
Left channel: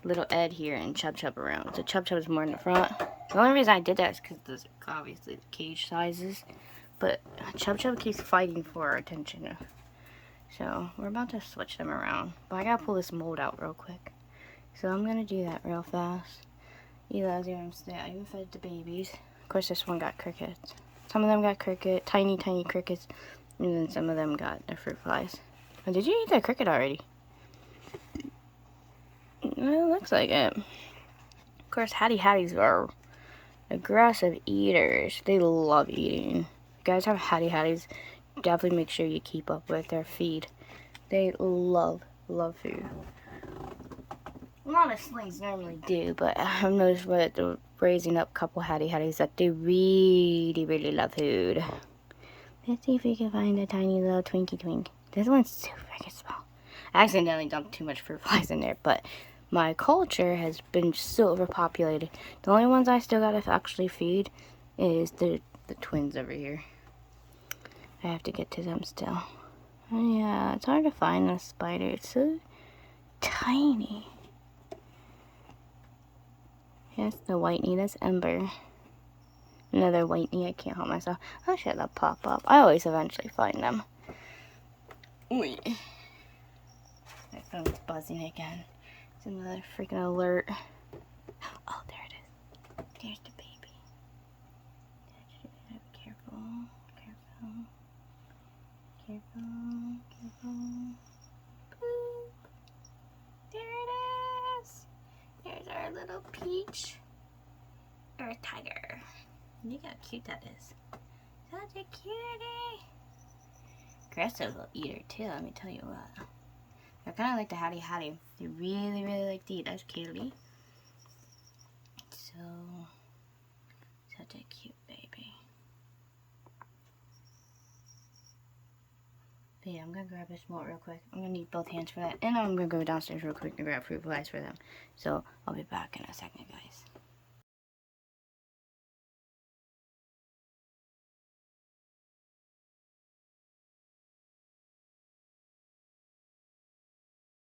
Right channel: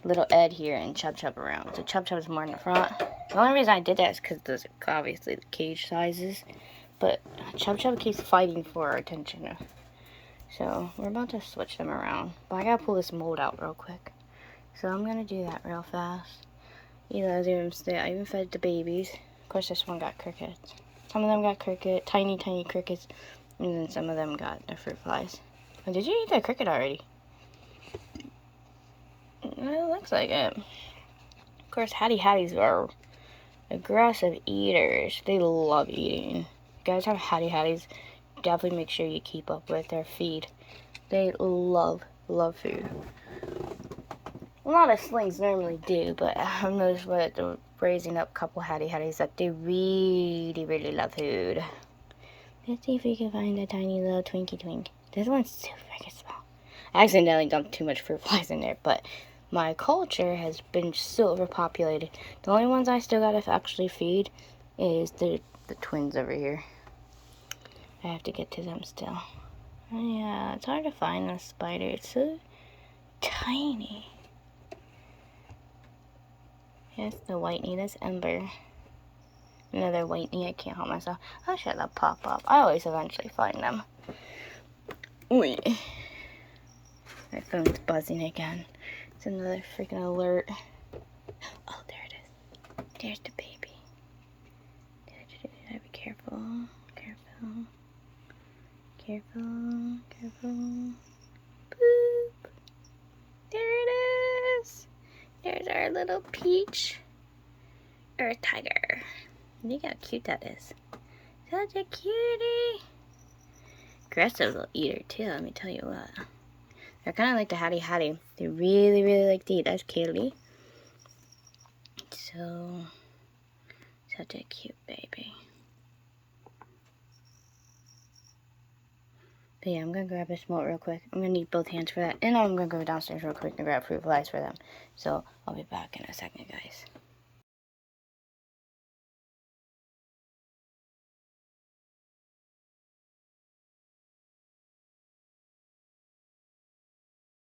little Ed here and Chub Chub around. So Chub Chub is more in the front. The only reason I did that is because there's obviously the cage sizes. But Chub Chub keeps fighting for our attention. So we're about to switch them around. But I gotta pull this mold out real quick. So I'm gonna do that real fast. I even fed the babies. Of course, this one got crickets. Some of them got tiny crickets. And then some of them got the fruit flies. Oh, did you eat that cricket already? It looks like it. Of course, Hatties are aggressive eaters. They love eating. You guys have Hatties. Definitely make sure you keep up with their feed. They love food. A lot of slings normally do, but I've noticed with raising up a couple Hatties that they really love food. Let's see if we can find a tiny little Twinkie Twink. This one's so freaking small. I accidentally dumped too much fruit flies in there, but my culture has been so overpopulated. The only ones I still gotta actually feed is the twins over here. I have to get to them still. Yeah, it's hard to find a spider. It's so tiny. Here's the whitey. That's Ember. Another whitey. I can't help myself. Oh shit, they'll pop up. I always eventually find them. Wait. My phone's buzzing again. It's another freaking alert. Oh, there it is. There's the baby. Be careful. Careful. Boop. There it is. There's our little peach. Earth tiger. Look how cute that is. Such a cutie. Aggressive little eater too, let me tell you what. They're kind of like the Hattie. They really like to eat. That's Kaylee. So, such a cute baby. But yeah, I'm going to grab this molt real quick. I'm going to need both hands for that. And I'm going to go downstairs real quick and grab fruit flies for them. So, I'll be back in a second, guys.